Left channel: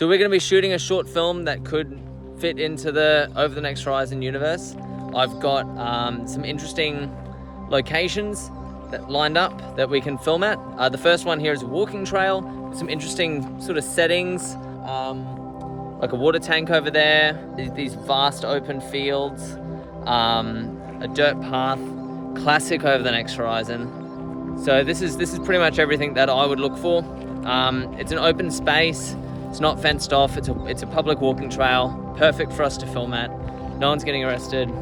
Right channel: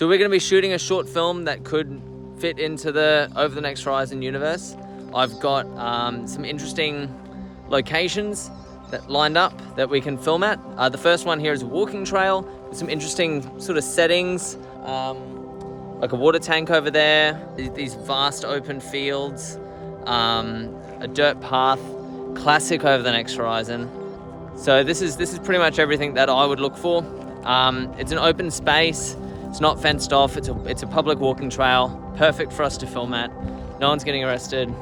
So we're going to be shooting a short film that could fit into the Over the Next Horizon universe. I've got some interesting locations that lined up that we can film at. The first one here is a walking trail with some interesting sort of settings, like a water tank over there, these vast open fields, a dirt path, classic Over the Next Horizon. So this is pretty much everything that I would look for. It's an open space. It's not fenced off. It's a public walking trail, perfect for us to film at. No one's getting arrested.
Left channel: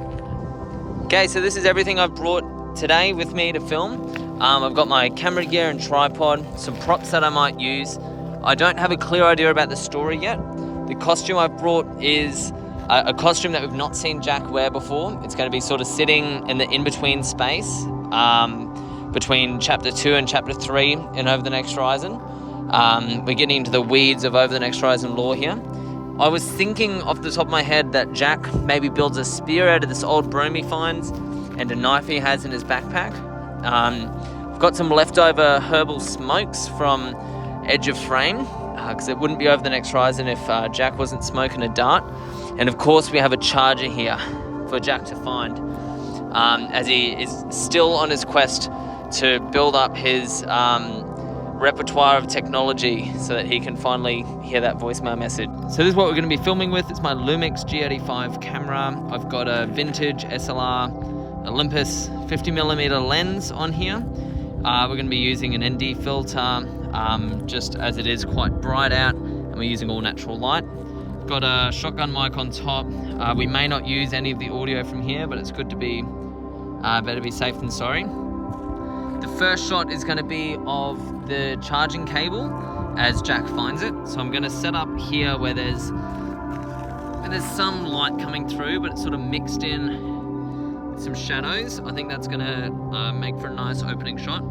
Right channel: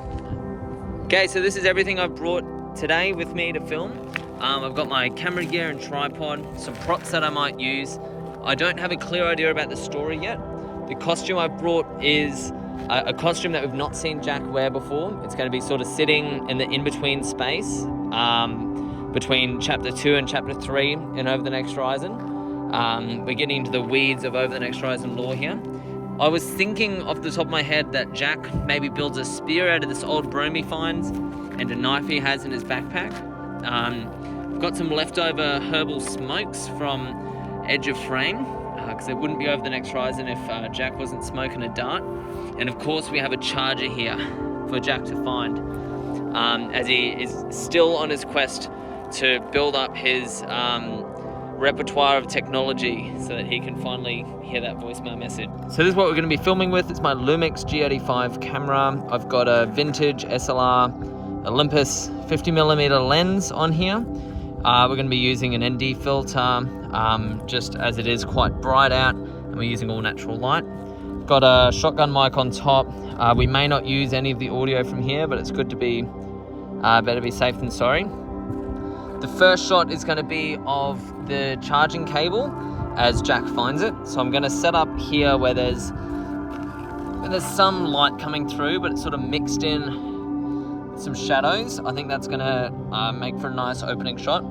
Okay, so this is everything I've brought today with me to film. I've got my camera gear and tripod, some props that I might use. I don't have a clear idea about the story yet. The costume I've brought is a costume that we've not seen Jack wear before. It's going to be sort of sitting in the in-between space between Chapter 2 and Chapter 3 in Over the Next Horizon. We're getting into the weeds of Over the Next Horizon lore here. I was thinking off the top of my head that Jack maybe builds a spear out of this old broom he finds and a knife he has in his backpack. I've got some leftover herbal smokes from Edge of Frame, because it wouldn't be Over the Next Horizon if Jack wasn't smoking a dart. And of course we have a charger here for Jack to find, as he is still on his quest to build up his repertoire of technology so that he can finally hear that voicemail message. So this is what we're going to be filming with. It's my Lumix G85 camera. I've got a vintage SLR Olympus 50mm lens on here. We're going to be using an ND filter, just as it is quite bright out, and we're using all natural light. Got a shotgun mic on top. We may not use any of the audio from here, but it's good to be, better be safe than sorry. The first shot is going to be of the charging cable as Jack finds it. So I'm going to set up here where there's some light coming through, but it's sort of mixed in with some shadows. I think that's going to make for a nice opening shot.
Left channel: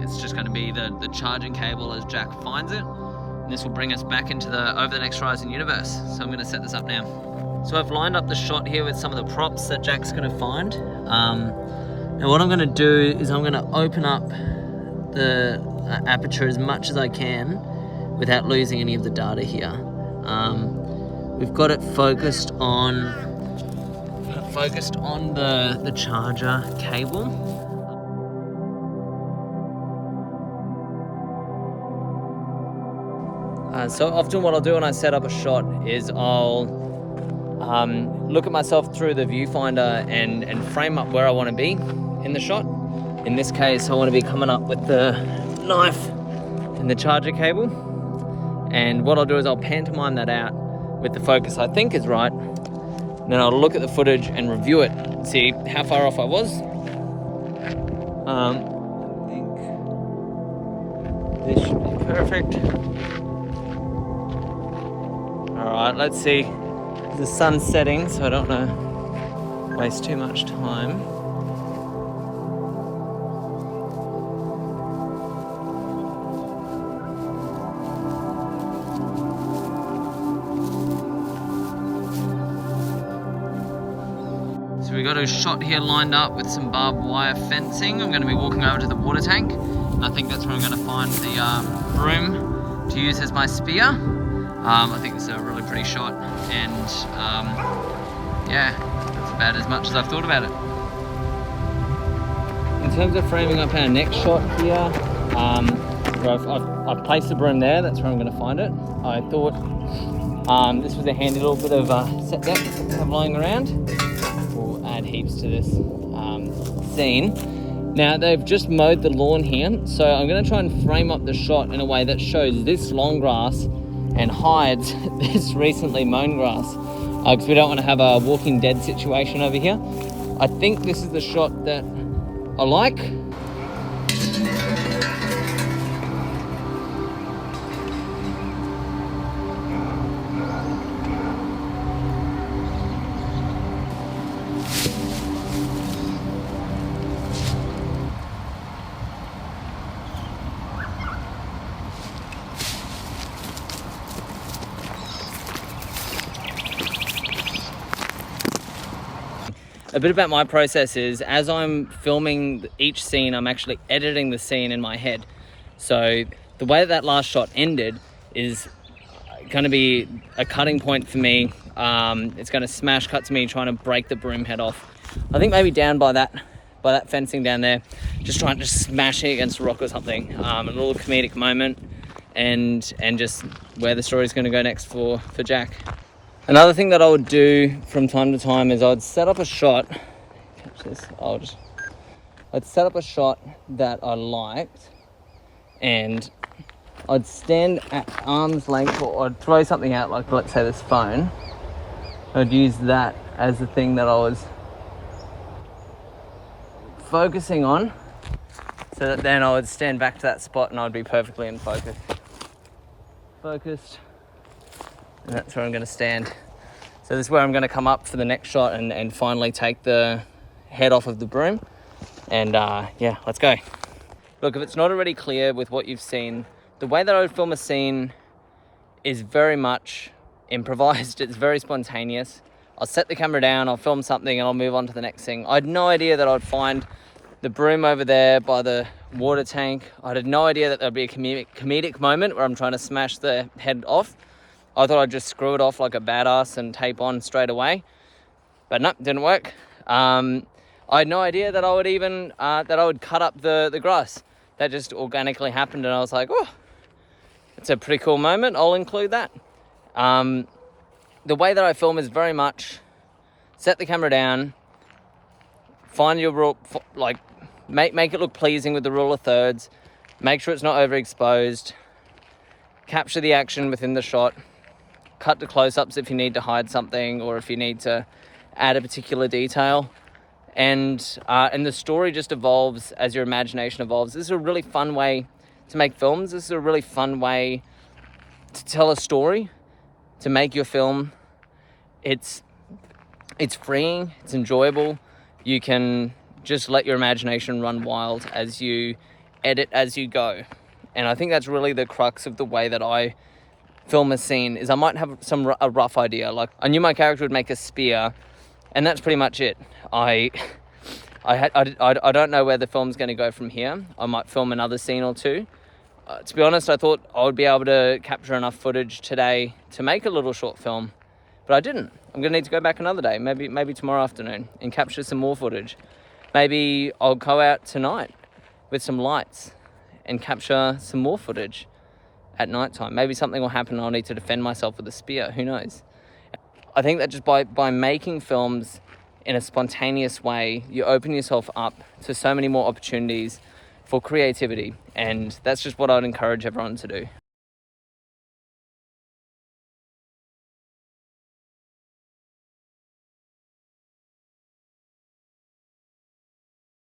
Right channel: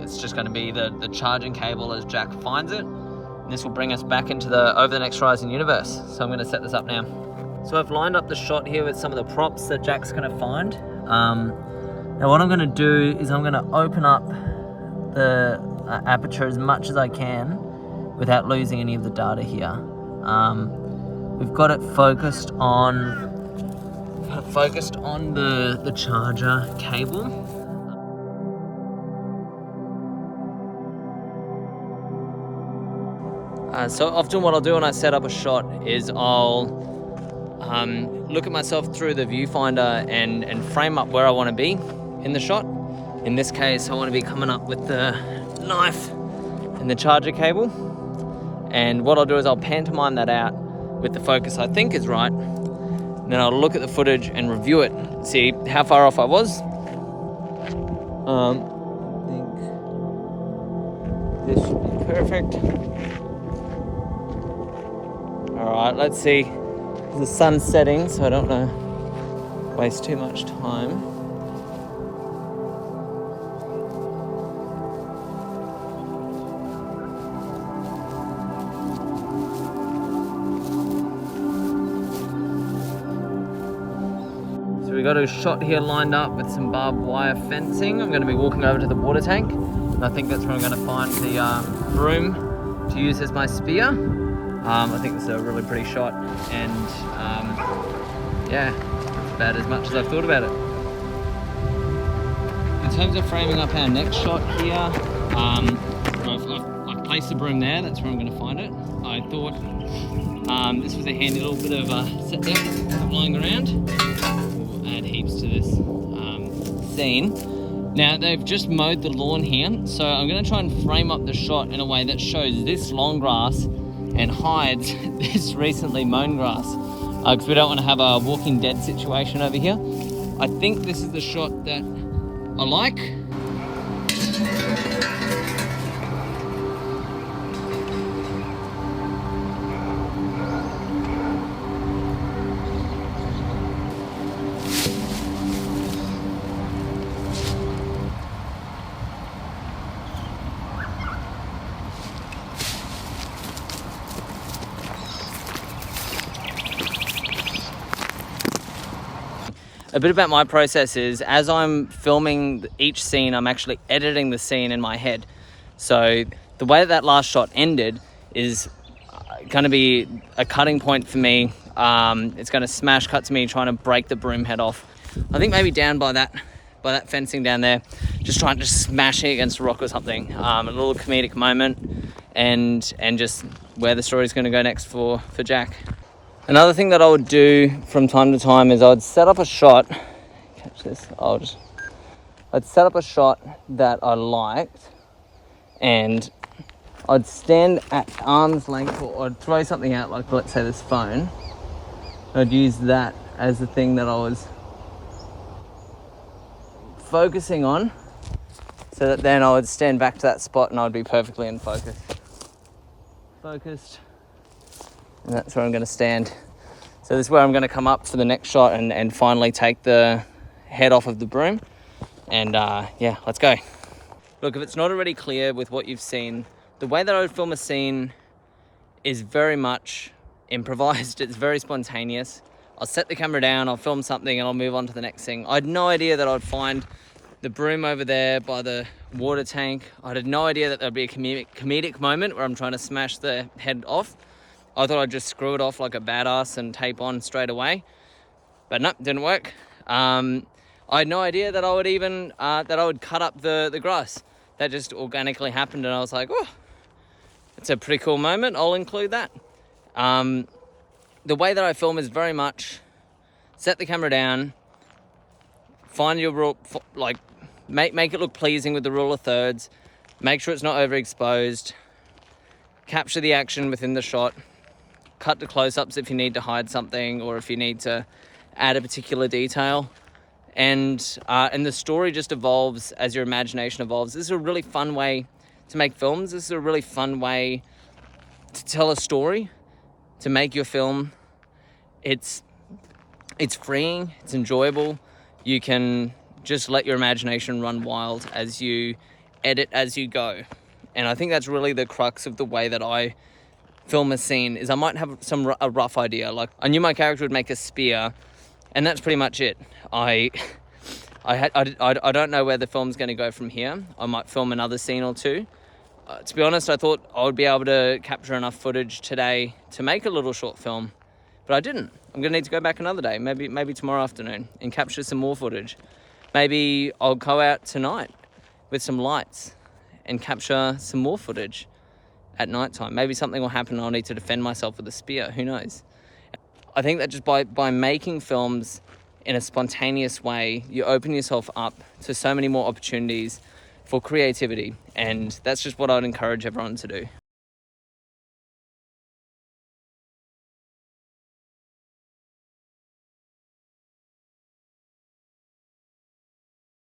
It's just going to be the charging cable as Jack finds it. And this will bring us back into the Over the Next Horizon universe. So I'm going to set this up now. So I've lined up the shot here with some of the props that Jack's going to find. Now what I'm going to do is I'm going to open up the aperture as much as I can without losing any of the data here. We've got it focused on the charger cable. So often what I'll do when I set up a shot is I'll look at myself through the viewfinder and frame up where I want to be in the shot. In this case, I want to be coming up with the knife and the charger cable. And what I'll do is I'll pantomime that out with the focus I think is right. And then I'll look at the footage and review it, see how far off I was. I think this should be perfect. All right, let's see. The sun's setting, so I don't want to waste too much time. So we got a shot here lined up with some barbed wire fencing. I'm going to be walking over to the water tank, and I think that's where I'm going to find the broom to use as my spear. I think this is a really pretty shot, and yeah, that's about as much as I've thought about it. In terms of framing up our next shot here, I've placed the broom there. That's where I'm going to find it. I thought this was a handy little bit of set deck that we have lying around. We'll add heaps to this scene. Now they've just mowed the lawn here, so I'm going to try and frame up the shot in a way that shows this long grass and hides this recently mown grass, because we don't want to have a Walking Dead situation over here. I think this is the shot that I like. A bit about my process is, as I'm filming each scene, I'm actually editing the scene in my head. So the way that last shot ended is going to be a cutting point for me. It's going to smash cut to me trying to break the broom head off. I think maybe down by that fencing down there, just trying to smash it against a rock or something. A little comedic moment, and just where the story's going to go next for Jack. Another thing that I would do from time to time is I would set up a shot. Catch this. I'd set up a shot that I liked, and I'd stand at arm's length, or I'd throw something out, like let's say this phone. I'd use that as the thing that I was focusing on, so that then I would stand back to that spot and I'd be perfectly in focus. Focused. And that's where I'm going to stand. So this is where I'm going to come up for the next shot and finally take the head off of the broom. And yeah, let's go. Look, if it's not already clear with what you've seen, the way that I would film a scene is very much improvised. It's very spontaneous. I'll set the camera down, I'll film something, and I'll move on to the next thing. I had no idea that I'd find the broom over there by the water tank. I had no idea that there'd be a comedic moment where I'm trying to smash the head off. I thought I'd just screw it off like a badass and tape on straight away. But no, didn't work. I had no idea that I would even, that I would cut up the grass. That just organically happened, and I was like, oh, it's a pretty cool moment. I'll include that. The way that I film is very much set the camera down, find your rule, like make it look pleasing with the rule of thirds, make sure it's not overexposed, capture the action within the shot, cut to close-ups if you need to hide something or if you need to add a particular detail. And the story just evolves as your imagination evolves. This is a really fun way to make films. This is a really fun way to tell a story, to make your film. It's freeing, it's enjoyable. You can just let your imagination run wild as you edit as you go. And I think that's really the crux of the way that I film a scene, is I might have a rough idea. Like, I knew my character would make a spear, and that's pretty much it. I don't know where the film's going to go from here. I might film another scene or two. To be honest, I thought I would be able to capture enough footage today to make a little short film, but I didn't. I'm going to need to go back another day, maybe tomorrow afternoon, and capture some more footage. Maybe I'll go out tonight with some lights and capture some more footage at nighttime. Maybe something will happen and I'll need to defend myself with a spear. Who knows? I think that just by making films in a spontaneous way, you open yourself up to so many more opportunities for creativity. And that's just what I'd encourage everyone to do.